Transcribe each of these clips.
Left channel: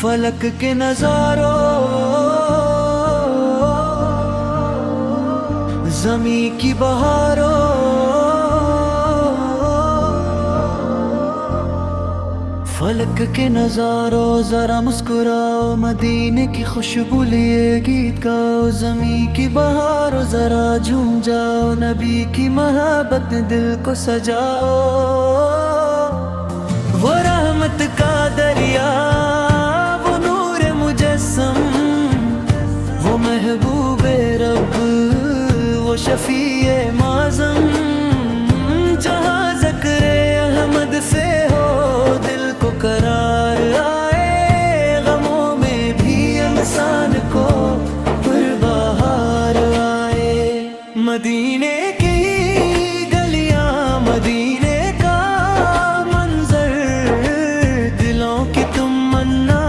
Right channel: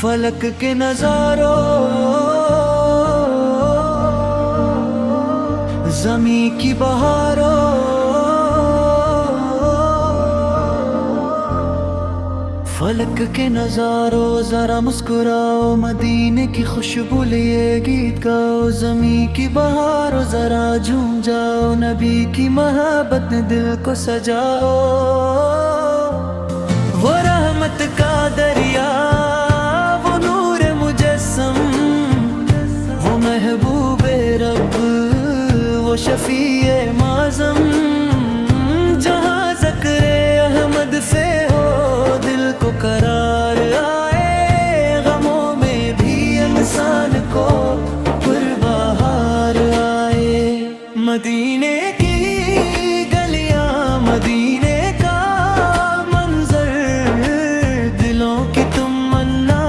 فلک کے نظاروں، زمین کی بہاروں، فلک کے نظاروں ذرا مسکراؤ، مدینے کی خوشبو لیے گیت گاؤ، زمین کی بہاروں ذرا جھوم جاؤ، نبی کی محبت نے دل کو سجاؤ۔ وہ رحمت کا دریا، وہ نور مجسم، وہ محبوب رب، وہ شفیع معظم، جہاں ذکر احمد سے ہو دل کو قرار آئے، غموں میں بھی انسان کو پربہار آئے۔ مدینے کی گلیاں، مدینے کا منظر، دلوں کی تمنا،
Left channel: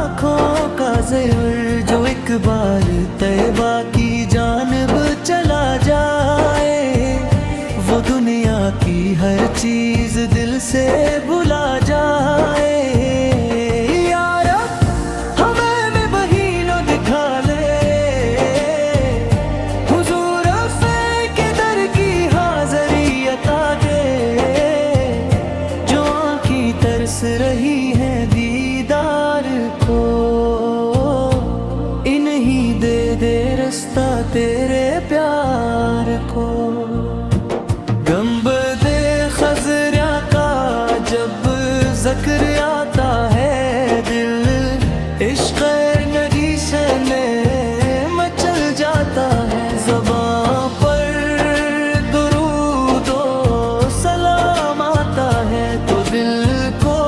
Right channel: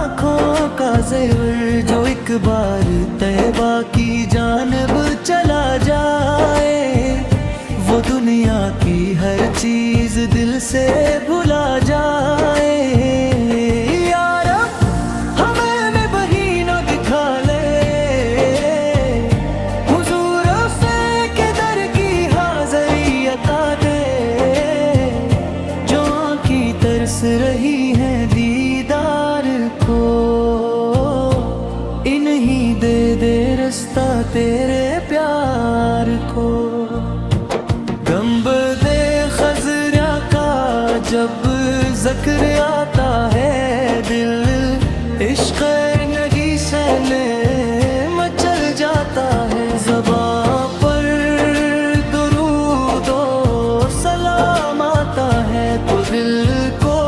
آنکھوں کا زہر، جو ایک بار طیبہ کی جانب چلا جائے، وہ دنیا کی ہر چیز دل سے بھلا جائے۔ یا رب ہمیں میں بہینوں دکھا لے، حضور فے کے در کی حاضری عطا دے، جو آنکھیں ترس رہی ہیں دیدار کو، انہی دے دے رستہ تیرے پیار کو۔ گنبد خضرا کا جب ذکر آتا ہے، دل عشق نبی سے مچل جاتا ہے، زباں پر درود و سلام آتا ہے، تو دل کو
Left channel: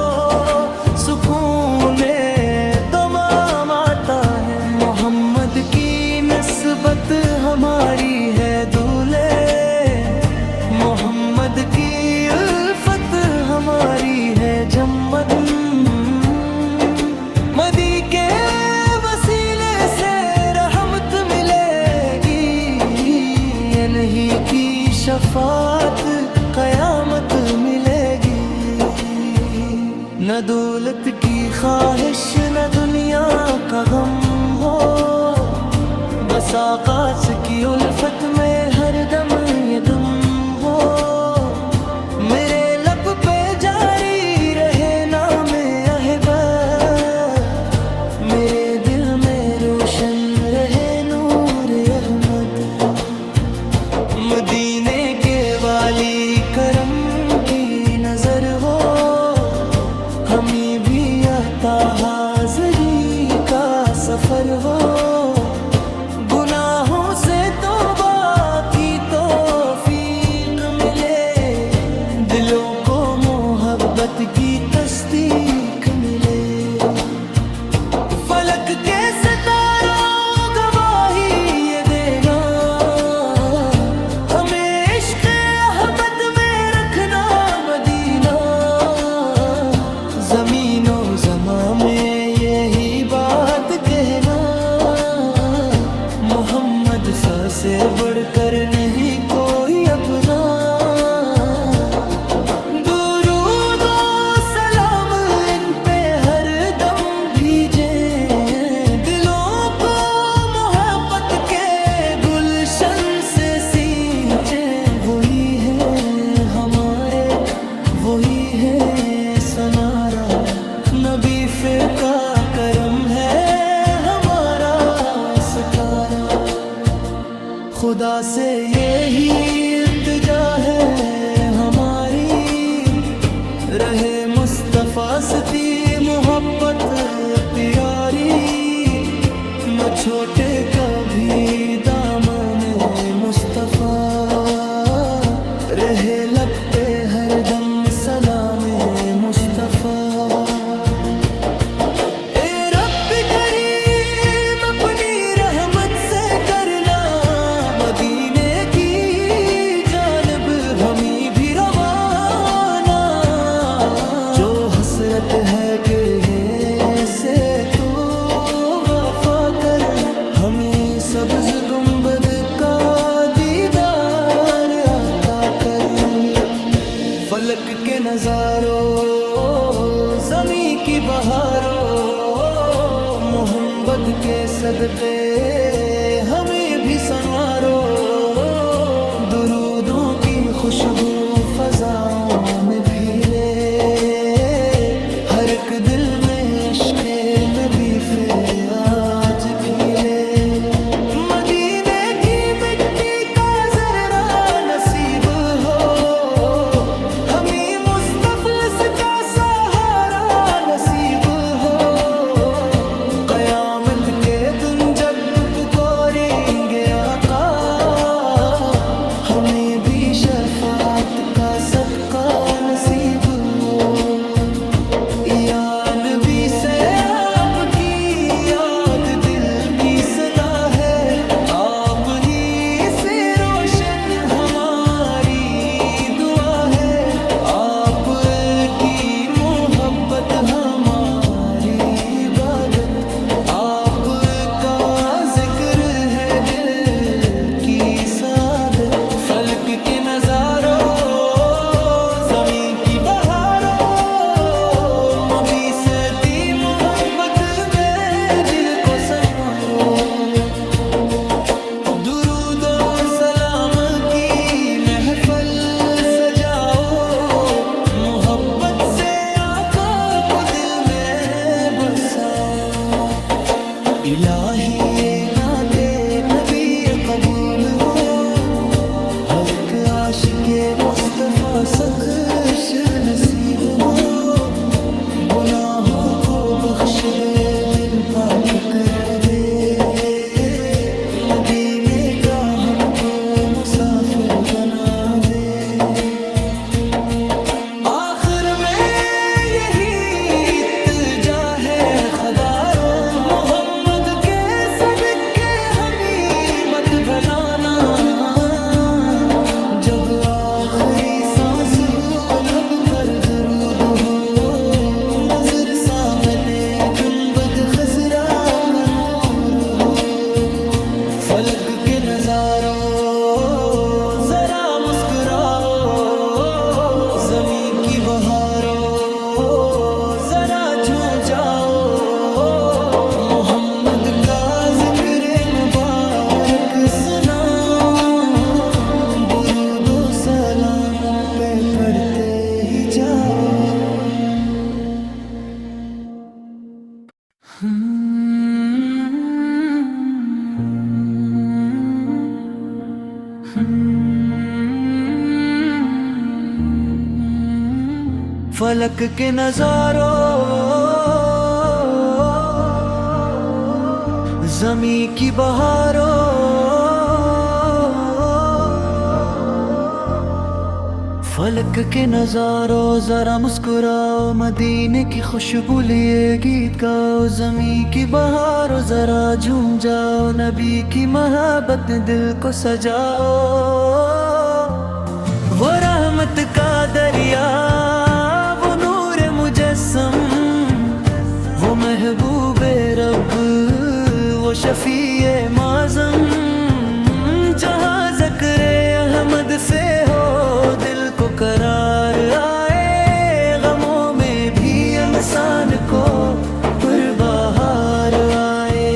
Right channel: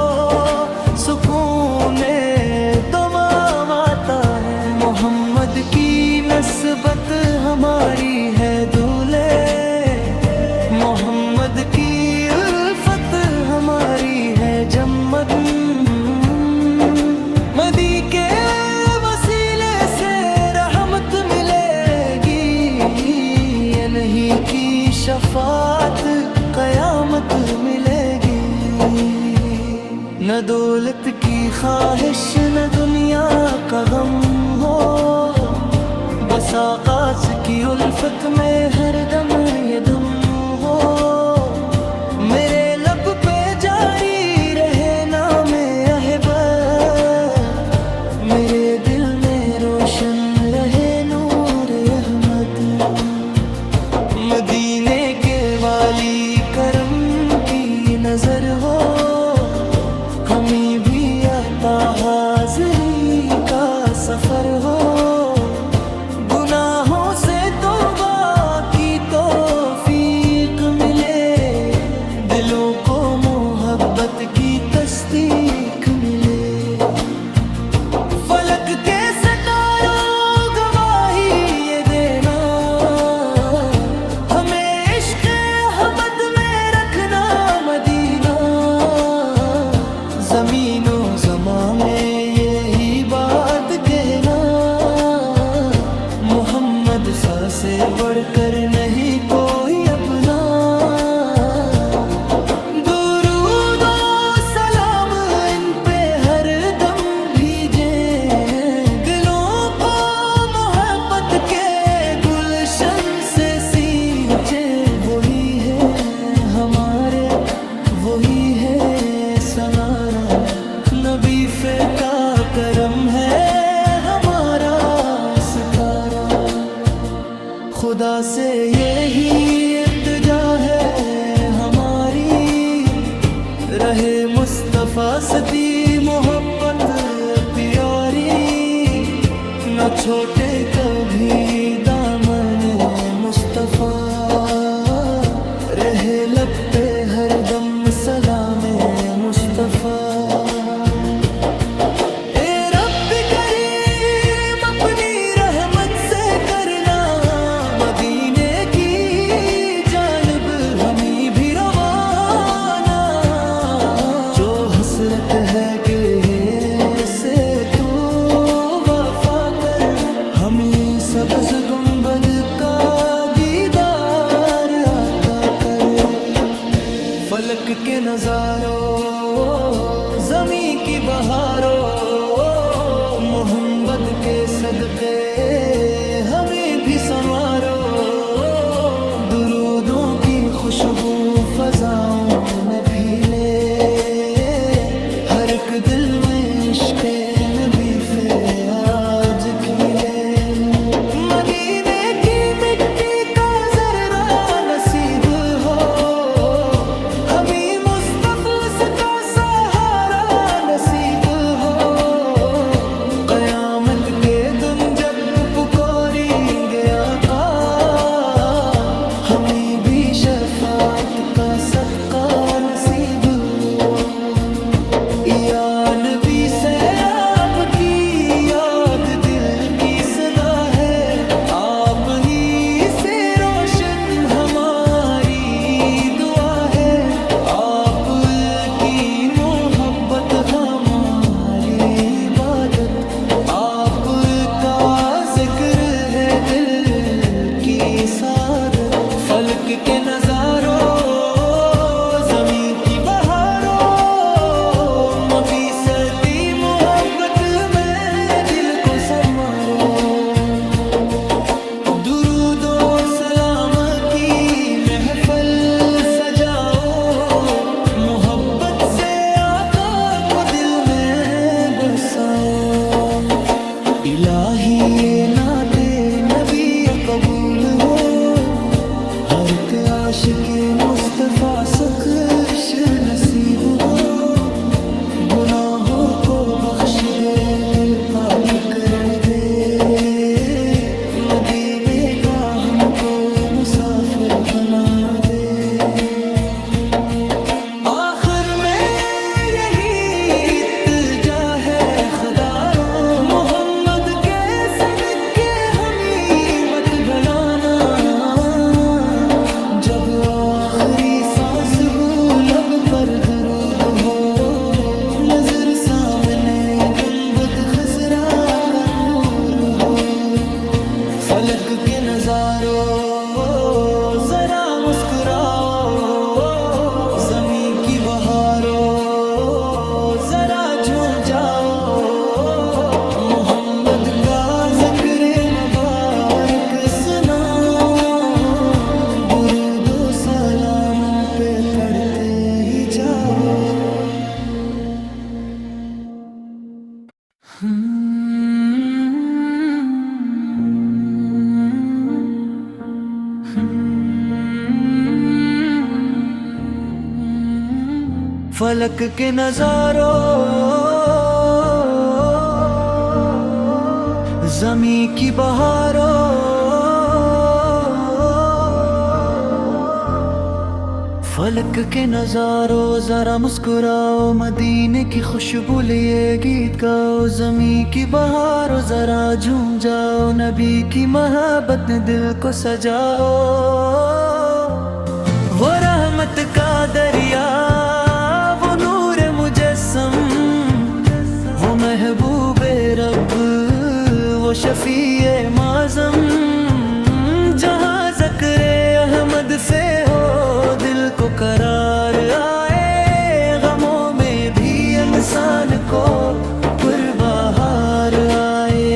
سکون تمام آتا ہے۔ محمد کی نسبت ہماری ہے دولے، محمد کی الفت ہماری ہے جمد، مدی کے وسیلے سے رحمت ملے گی، انہی کی شفاعت قیامت ملے گی۔ نہ دولت کی خواہش، نہ دنیا کا غم ہو، بس آقاس کی الفت میں ہر دم یہ دم ہو، میرے لب پہ جاری رہے نام احبت، میرے دل میں روشن رہے نور احمد۔ مدینے کے والی کرم کی نظر ہو، ہمیں بھی آتا حاضری کا سفر ہو، گناہوں سے توبہ کی توفیق ملے، دلوں کو محبت کی تصدیق ملے۔ فلک کے ستاروں گواہی یہ دینا، ہمیں عشق احمد میں رکھنا مدینہ، زمین و زمان میں یہی بات کہنا، محمد سا سے بڑھ کر نہیں کوئی اپنا۔ درود و سلام ان پہ ہر دم بھیجیں، دلوں کو محبت کے گلشن سے سینچیں، وہی ہے ہمارے، وہی ہے سنارا، نبی فے کا کرم ہے ہمارا ستارہ۔ خدا سے یہی التجا ہے ہماری، رہے مصطفیٰ سے محبت پیاری، نہ چھوٹے کبھی دامن مصطفیٰ، رہے لب پہ ہر دم سلام مصطفیٰ۔ اے رب کریم اپنی رحمت سے کرنا، مدینے کی جانب ہمیں بھی روانہ، جو حسرت ہے کہ سے تو وفا کر ہمیں سبز گنبد کا دیدار عطا کر، فلک کے نظاروں زمیں کی بہاروں، محمد کے صدقے ہمیں بھی سنوارو، درودوں کی خوشبو فضاؤں میں پھیلے، ہر ایک دل میں عشق نبی پھر آج کھلے، مدینے کی مٹی کا ذرہ نصیب ہو، ہمیں مصطفی کا سہارا نصیب ہو، قیامت کے دن جب پکاریں گے آقا، ہمیں بھی شفاعت کا صدقہ نصیب ہو، یا نبی سے آپ کی یاد دل کی صدا ہے، آپ ہی سے روشن ہماری دعا ہے، آپ کی محبت ہماری عبادت، آپ کا ذکر ہے دل کی سعادت، فلک کے نظاروں زمین کی بہاروں، مبی صدی محبت میں دل کو سنوارو، درود و سلام کی محفل سجاؤ، محبت سے آقا کو دل میں بساؤ، الہی یہ نعت نبی قبول ہو، ہر ایک عاشق مصطفیٰ سخش نصیب ہو، گناہوں کو بخش دے دل پاک کر دے، مدینے کا ہم کو مسافر بنا دے، آخر میں یہی التجا ہے خدارو، محمد کے صدقے ہمیں مت بلانا، جب آخری سانس ہو لب پر درود ہو، نظر سامنے گنبد خضرا کا نور ہو، فلک کے نظاروں ذرا مسکراؤ، زمین کی بہاروں ذرا جھوم جاؤ، محمد کا ذکر مبارک سناؤ، درود و سلام ہم پہ پڑھتے ہی جاؤ، فلک کے نظاروں زمین کی بہاروں، فلک کے نظاروں ذرا مسکراؤ، مدینے کی خوشبو لیے گیت گاؤ، زمین کی بہاروں ذرا جھوم جاؤ، نبی کی محبت نے دل کو سجاؤ، وہ رحمت کا دریا، وہ نور مجسم، وہ محبوب رب، وہ شفیع معظم، جہاں ذکر احمد سے ہو دل کو قرار آئے، غموں میں بھی انسان کو پربہار آئے،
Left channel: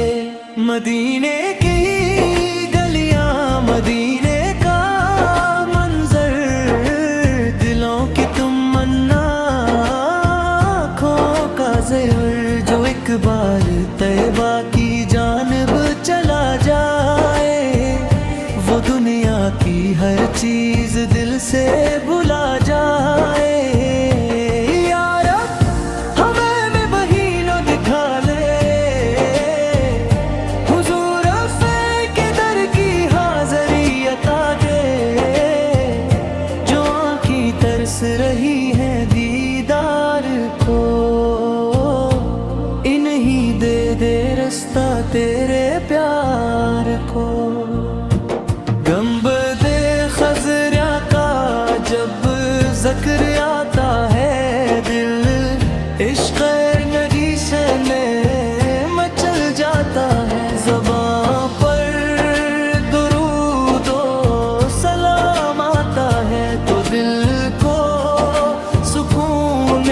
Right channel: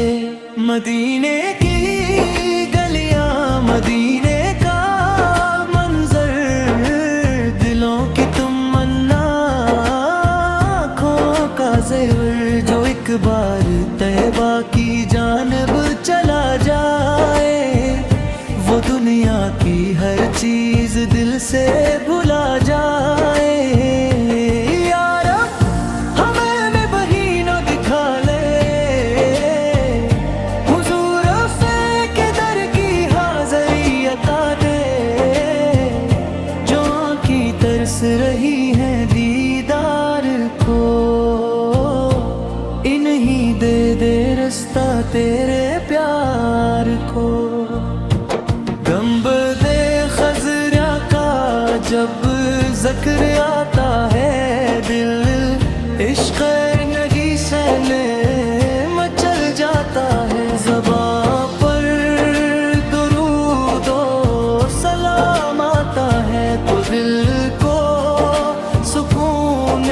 مدینے کی گلیاں، مدینے کا منظر، دلوں کی تمنا، آنکھوں کا زہر، جو ایک بار طیبہ کی جانب چلا جائے، وہ دنیا کی ہر چیز دل سے بھلا جائے، یا رب ہمیں میں بہینوں دکھا لے، حضور افے کے در کی حاضری عطا دے، جو آنکھیں ترس رہی ہیں دیدار کو، انہی دے دے رستہ تیرے پیار کو، گنبد خضرا کا جب ذکر آتا ہے، دل عشق نبی سے مچل جاتا آتا ہے، زباں پر درود و سلام آتا ہے تو دل کو سکون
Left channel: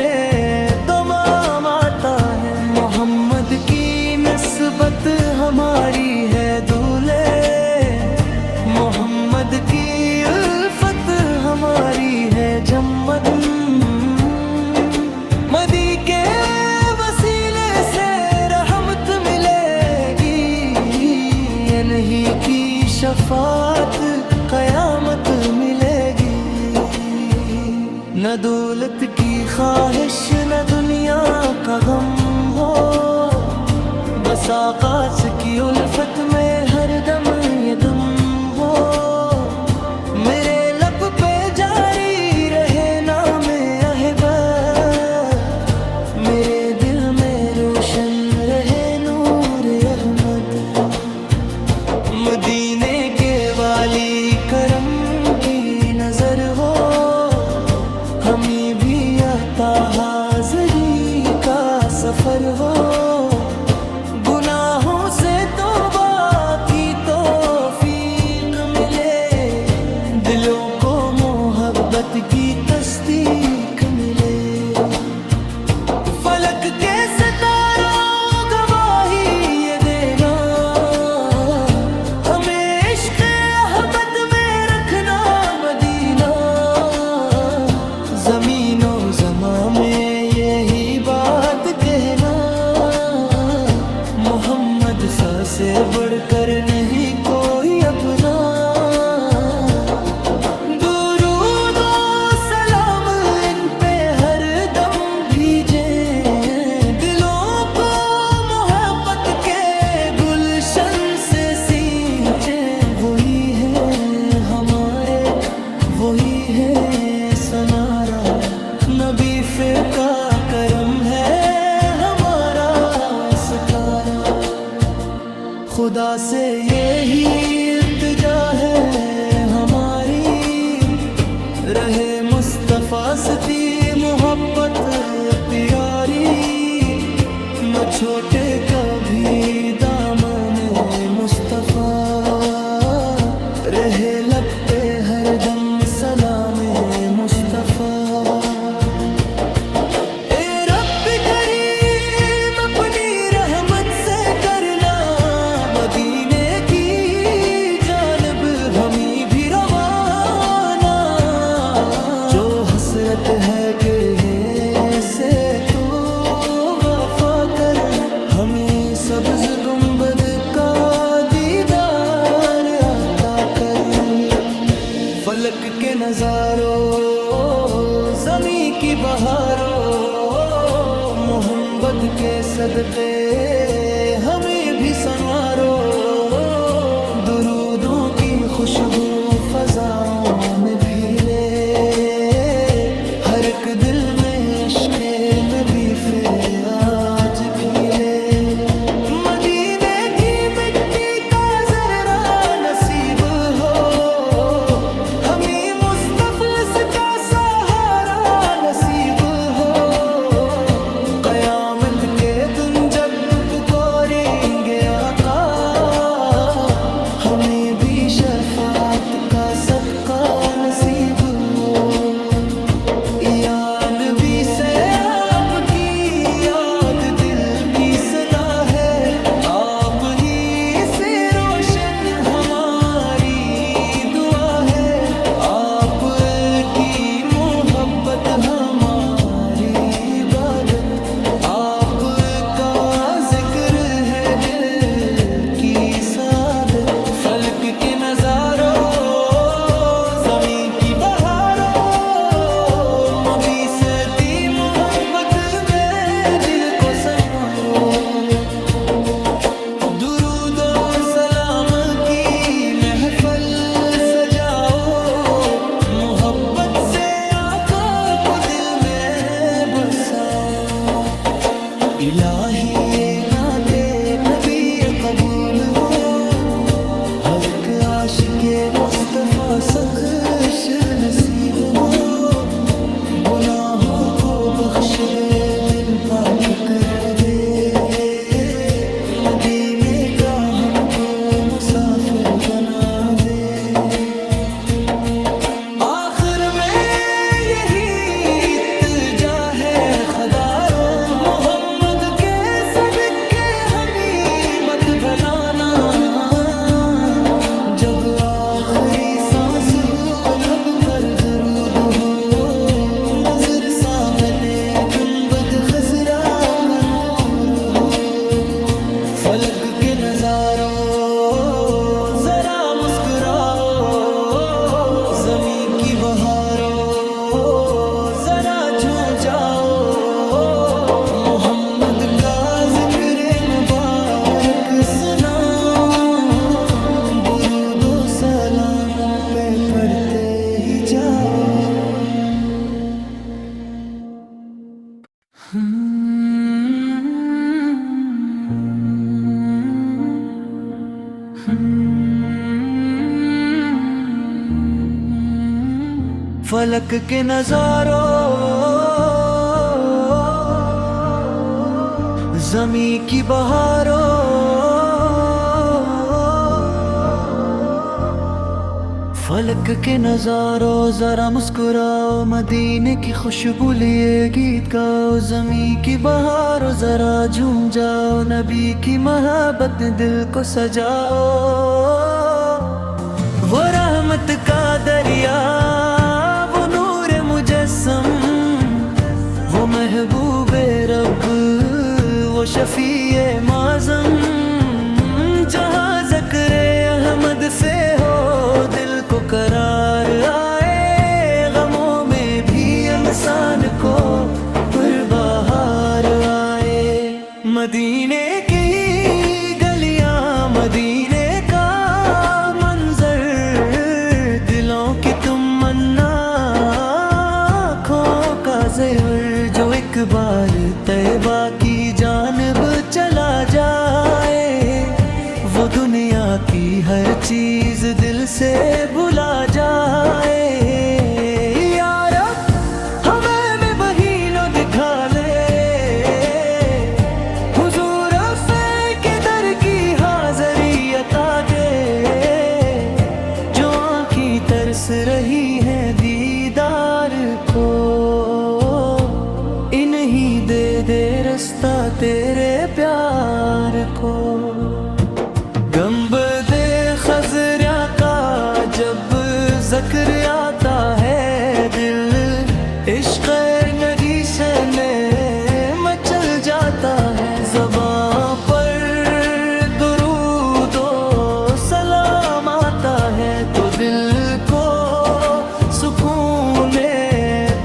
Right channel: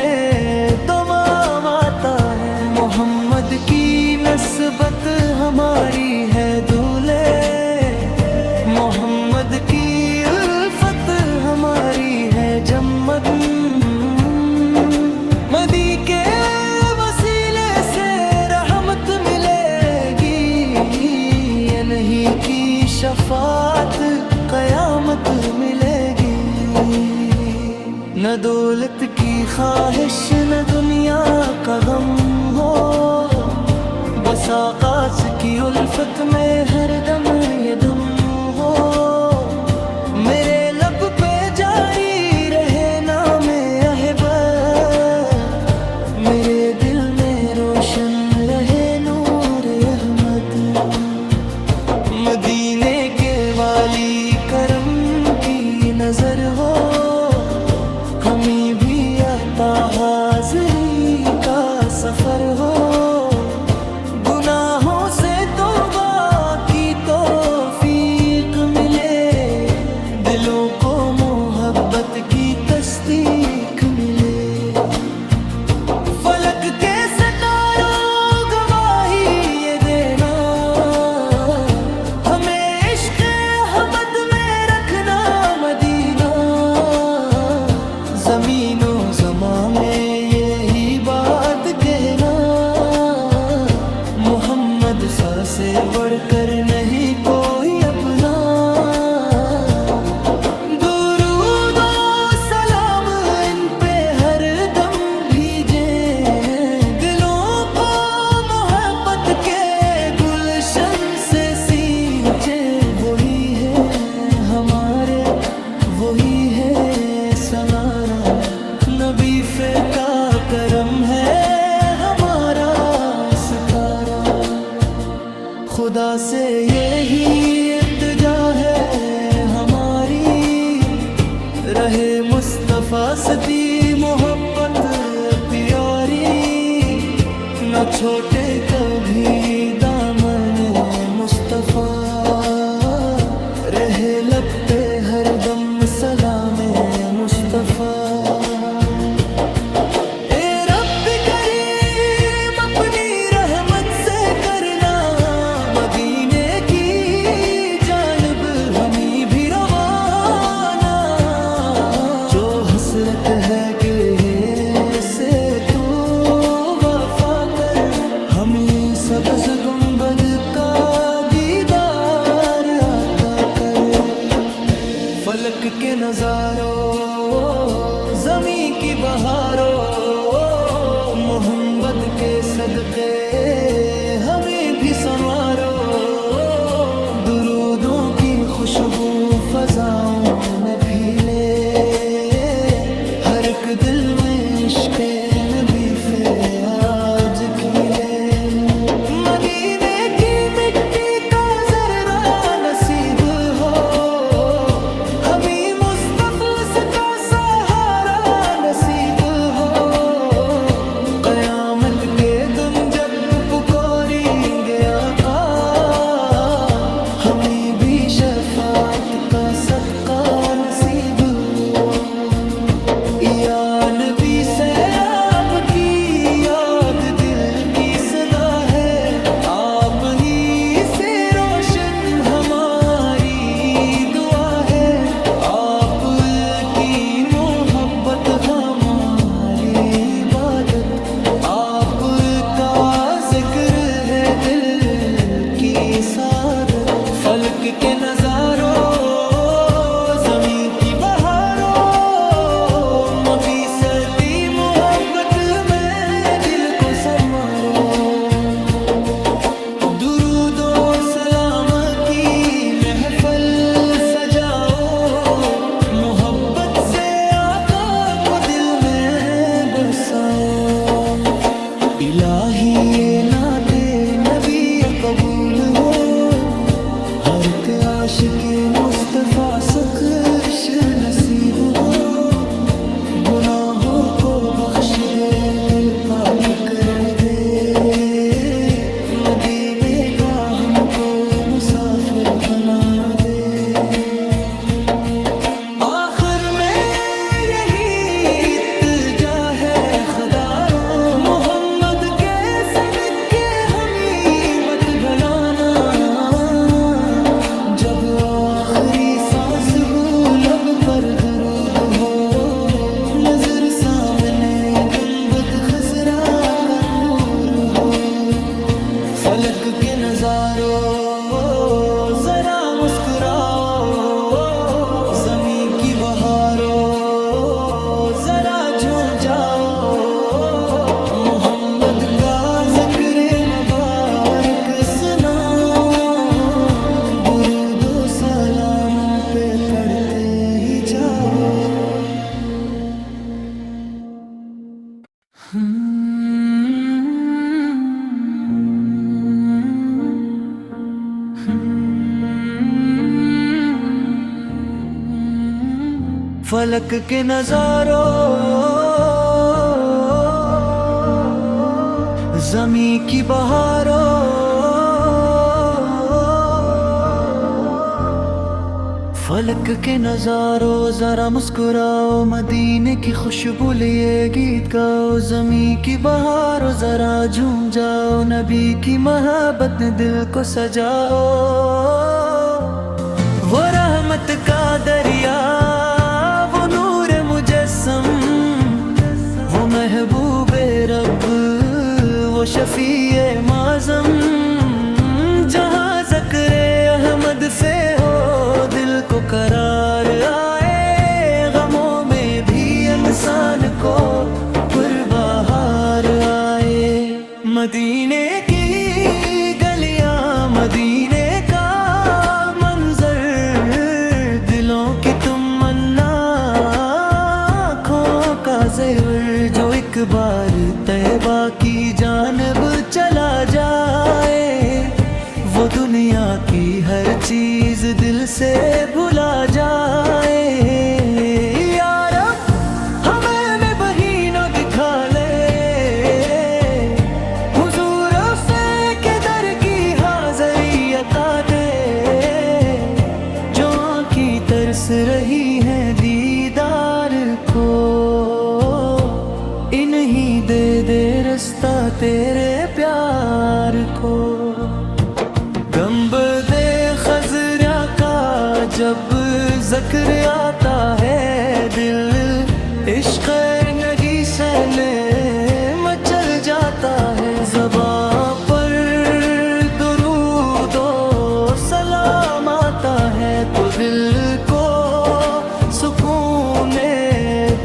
دمام آتا ہے۔ محمد کی نسبت ہماری ہے دولے، محمد کی الفت ہماری ہے جمد، مدی کے وسیلے سے رحمت ملے گی، انہی کی شفاعت قیامت ملے گی۔ نہ دولت کی خواہش نہ دنیا کا غم ہو، بس آقاش کی الفت میں ہر دم یہ دم ہو، میرے لب پہ جاری رہے نام احبت، میرے دل میں روشن رہے نور احمد، مدینے کے والی کرم کی نظر ہو، ہمیں بھی آتا حاضری کا سفر ہو، گناہوں سے توبہ کی توفیق ملے، دلوں کو محبت کی تصدیق ملے، فلک کے ستاروں گواہی یہ دینا، ہمیں عشق احمد میں رکھنا مدینہ، زمین و زمان میں یہی بات کہنا، محمد سا سے بڑھ کر نہیں کوئی اپنا، درود و سلام ان پہ ہر دم بھیجیں، دلوں کو محبت کے گلشن سے سینچیں، وہی ہے ہمارے وہی ہے سنارا، نبی کا کرم ہے ہمارا ستارہ، خدا سے یہی التجا ہے ہماری، رہے مصطفیٰ سے محبت پیاری، نہ چھوٹے کبھی دامن مصطفیٰ، رہے لب پہ ہر دم سلام مصطفیٰ۔ اے رب کریم اپنی رحمت سے کرنا، مدینے کی جانب ہمیں بھی روانہ، جو حسرت ہے کہ سے تو وفا کر، ہمیں سبز گنبد کا دیدار عطا کر، فلک کے نظاروں زمین کی بہاروں، محمد کے صدقے ہمیں بھی سنوارو، درودوں کی خوشبو فضاؤں میں پھیلے، ہر ایک دل میں عشق نبی سے آج کھلے، مدینے کی مٹی کا ذرہ نصیب ہو، ہمیں مصطفی کا سہارا نصیب ہو، قیامت کے دن جب پکاریں گے آقا، ہمیں بھی شفاعت کا صدقہ نصیب ہو، یا نبی سے آپ کی یاد دل کی صدا ہے، آپ ہی سے روشن ہماری دعا ہے، آپ کی محبت ہماری عبادت، آپ کا ذکر ہے دل کی سعادت، فلک کے نظاروں زمین کی بہاروں، مبی صدی محبت میں دل کو سنوارو، درود و سلام کی محفل سجاؤ، محبت سے آقا کو دل میں بساؤ، الہی یہ نعت نبی قبول ہو، ہر ایک عاشق مصطفیٰ سخش نصیب ہو، گناہوں کو بخش دے دل پاک کر دے، مدینے کا ہم کو مسافر بنا دے. آخر میں یہی التجا ہے خدارو، محمد کے صدقے ہمیں مت بلانا. جب آخری سانس ہو لب پر درود ہو، نظر سامنے گنبد خضرا کا نور ہو. فلک کے نظاروں ذرا مسکراؤ، زمین کی بہاروں ذرا جھوم جاؤ. محمد کا ذکر مبارک سناؤ، درود و سلام ان پہ پڑھتے ہی جاؤ. فلک کے نظاروں زمین کی بہاروں فلک کے نظاروں ذرا مسکراؤ، مدینے کی خوشبو لیے گیت گاؤ. زمین کی بہاروں ذرا جھوم جاؤ، نبی کی محبت نے دل کو سجاؤ. وہ رحمت کا دریا، وہ نور مجسم، وہ محبوب رب، وہ شفیع معظم. جہاں ذکر احمد سے ہو دل کو قرار آئے، غموں میں بھی انسان کو پربہار آئے. مدینے کی گلیاں، مدینے کا منظر، دلوں کی تمنا، آنکھوں کا زہر، جو ایک بار طیبہ کی جانب چلا جائے، وہ دنیا کی ہر چیز دل سے بھلا جائے. یا رب ہمیں بہینوں دکھا لے، حضور کے در کی حاضری عطا دے. جو آنکھیں ترس رہی ہیں دیدار کو، انہیں دے دے رستہ تیرے پیار کو. گنبد خضرا کا جب ذکر آتا ہے، دل عشق نبی سے مچل جاتا ہے. زباں پر درود و سلام آتا ہے تو دل کو سکون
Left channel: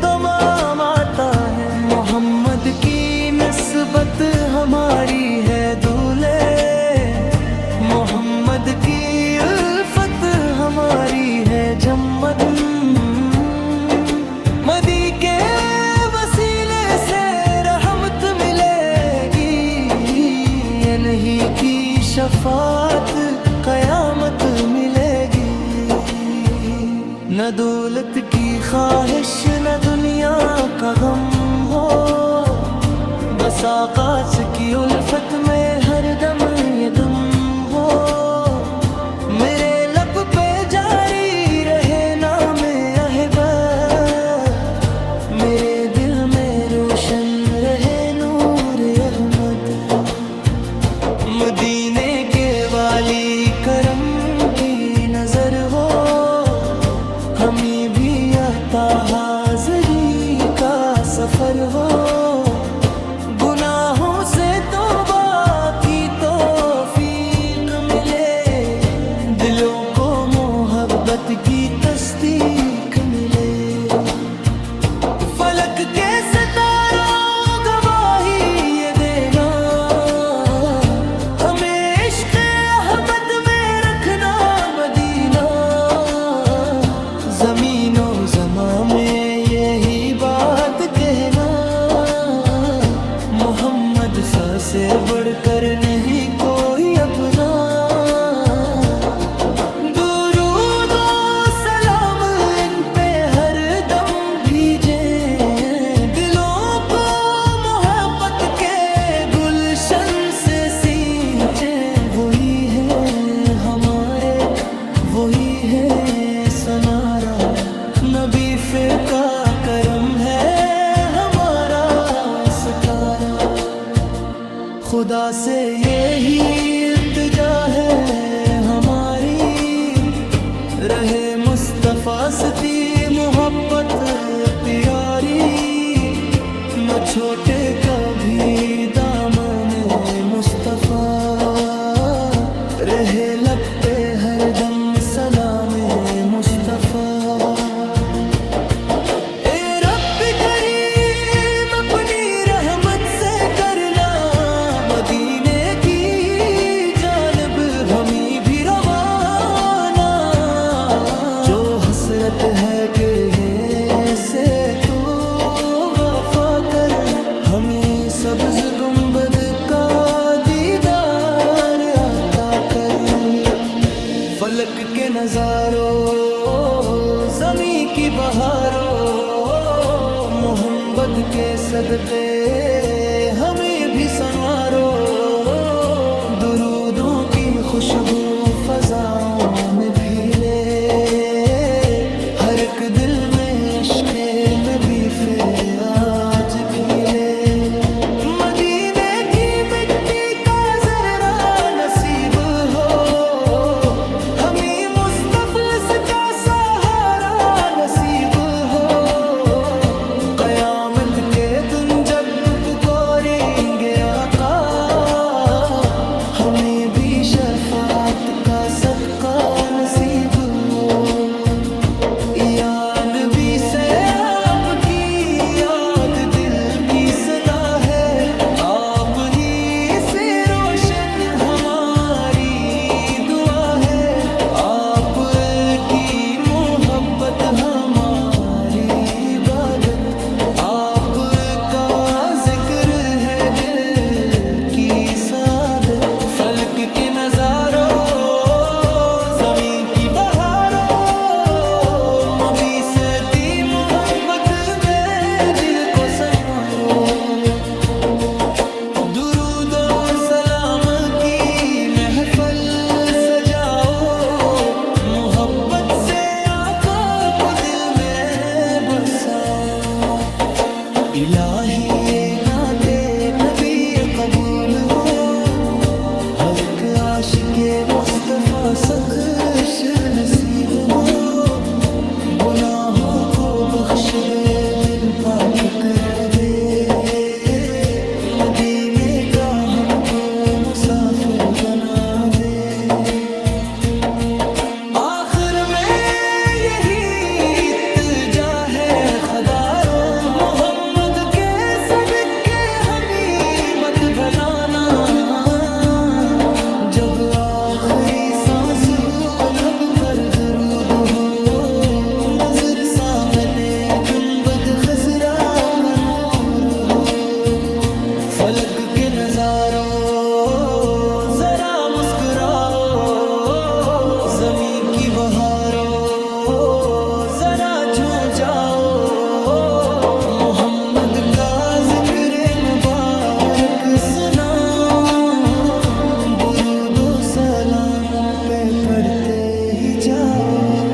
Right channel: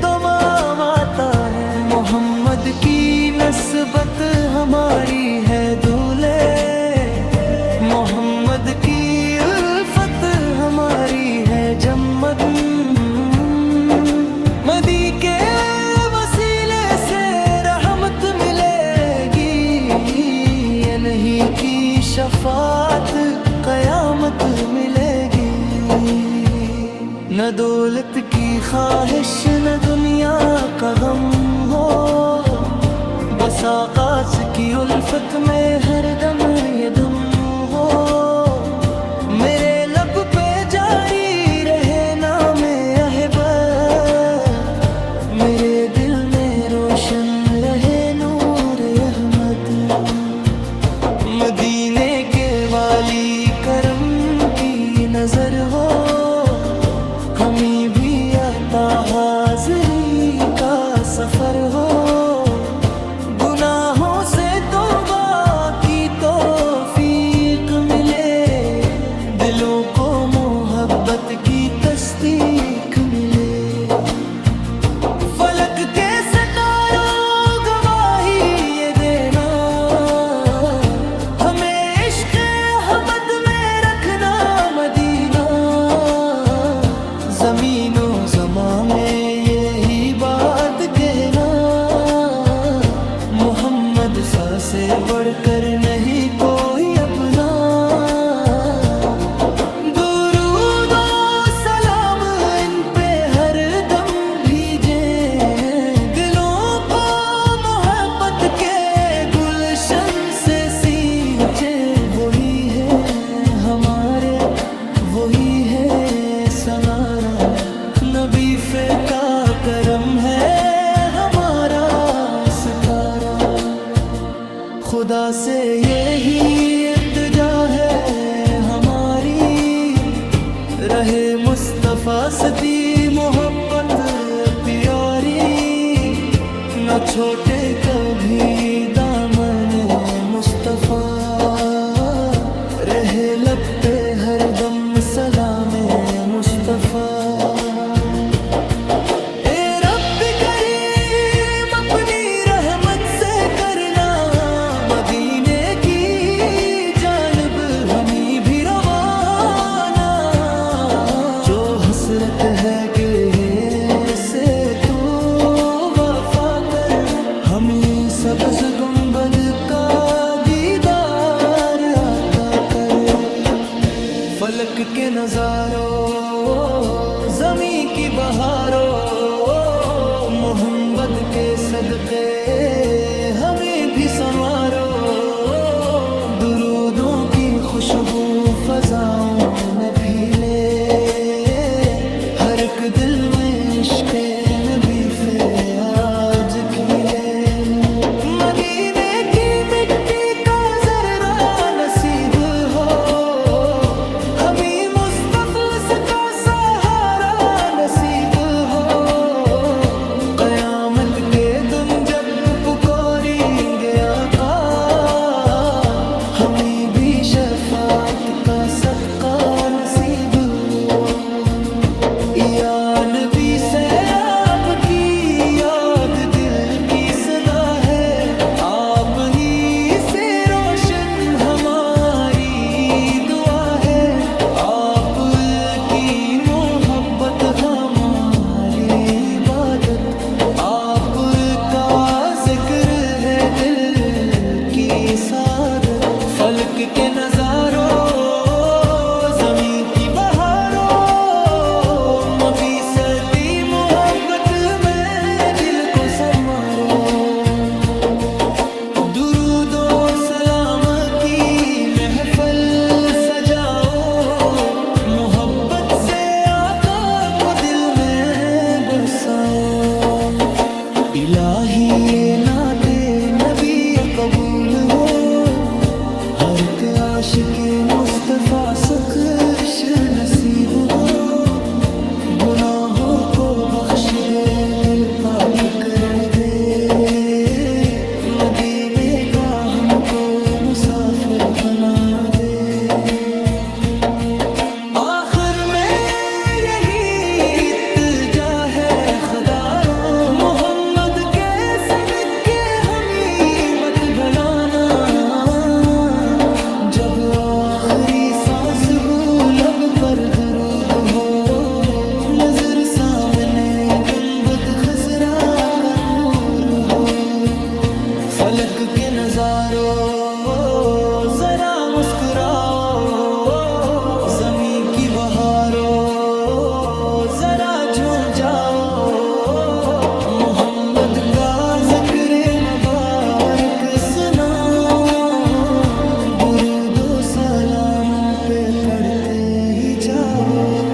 دمام آتا ہے. محمد کی نسبت ہماری ہے دولے، محمد کی الفت ہماری ہے جمد. مدی کے وسیلے سے رحمت ملے گی، انہی کی شفاعت قیامت ملے گی. نہ دولت کی خواہش، نہ دنیا کا غم ہو، بس آقاس کی الفت میں ہر دم یہ دم ہو. میرے لب پہ جاری رہے نام احبت، میرے دل میں روشن رہے نور احمد. مدینے کے والی کرم کی نظر ہو، ہمیں بھی عطا حاضری کا سفر ہو. گناہوں سے توبہ کی توفیق ملے، دلوں کو محبت کی تصدیق ملے. فلک کے ستاروں گواہی یہ دینا، ہمیں عشق احمد میں رکھنا مدینہ. زمین و زمان میں یہی بات کہنا، محمد سا سے بڑھ کر نہیں کوئی اپنا. درود و سلام ان پہ ہر دم بھیجیں، دلوں کو محبت کے گلشن سے سینچ وہی ہے سنارا، نبی کا کرم ہے ہمارا ستارہ۔ خدا سے یہی التجا ہے ہماری، رہے مصطفیٰ سے محبت پیاری، نہ چھوٹے کبھی دامن مصطفیٰ، رہے لب پہ ہر دم سلام مصطفیٰ۔ اے رب کریم اپنی رحمت سے کرنا مدینے کی جانب ہمیں بھی روانہ، جو حسرت ہے کہ سے تو وفا کر، ہمیں سبز گنبد کا دیدار عطا کر۔ فلک کے نظاروں، زمیں کی بہاروں، محمد کے صدقے ہمیں بھی سنوارو، درودوں کی خوشبو فضاؤں میں پھیلے، ہر ایک دل میں عشق نبی سے آج کھلے۔ مدینے کی مٹی کا ذرہ نصیب ہو، ہمیں مصطفیٰ کا سہارا نصیب ہو، قیامت کے دن جب پکاریں گے آقا، ہمیں بھی شفاعت کا صدقہ نصیب ہو۔ یا نبی سے آپ کی یاد دل کی صدا ہے، آپ ہی سے روشن ہماری دعا ہے، آپ کی محبت ہماری عبادت، آپ کا ذکر ہے دل کی سعادت۔ فلک کے نظاروں، زمین کی بہاروں، مبی صدی محبت میں دل کو سنوارو، درود و سلام کی محفل سجاؤ، محبت سے آقا کو دل میں بساؤ۔ الہی یہ نعت نبی قبول ہو، ہر ایک عاشق مصطفیٰ سخش نصیب ہو، گناہوں کو بخش دے دل پاک کر دے، مدینے کا ہم کو مسافر بنا دے۔ آخر میں یہی التجا ہے خدارو، محمد کے صدقے ہمیں مت بھلانا، جب آخری سانس ہو لب پر درود ہو، نظر سامنے گنبد خضرا کا نور ہو۔ فلک کے نظاروں ذرا مسکراؤ، زمین کی بہاروں ذرا جھوم جاؤ، محمد کا ذکر مبارک سناؤ، درود و سلام پہ پڑھتے ہی جاؤ۔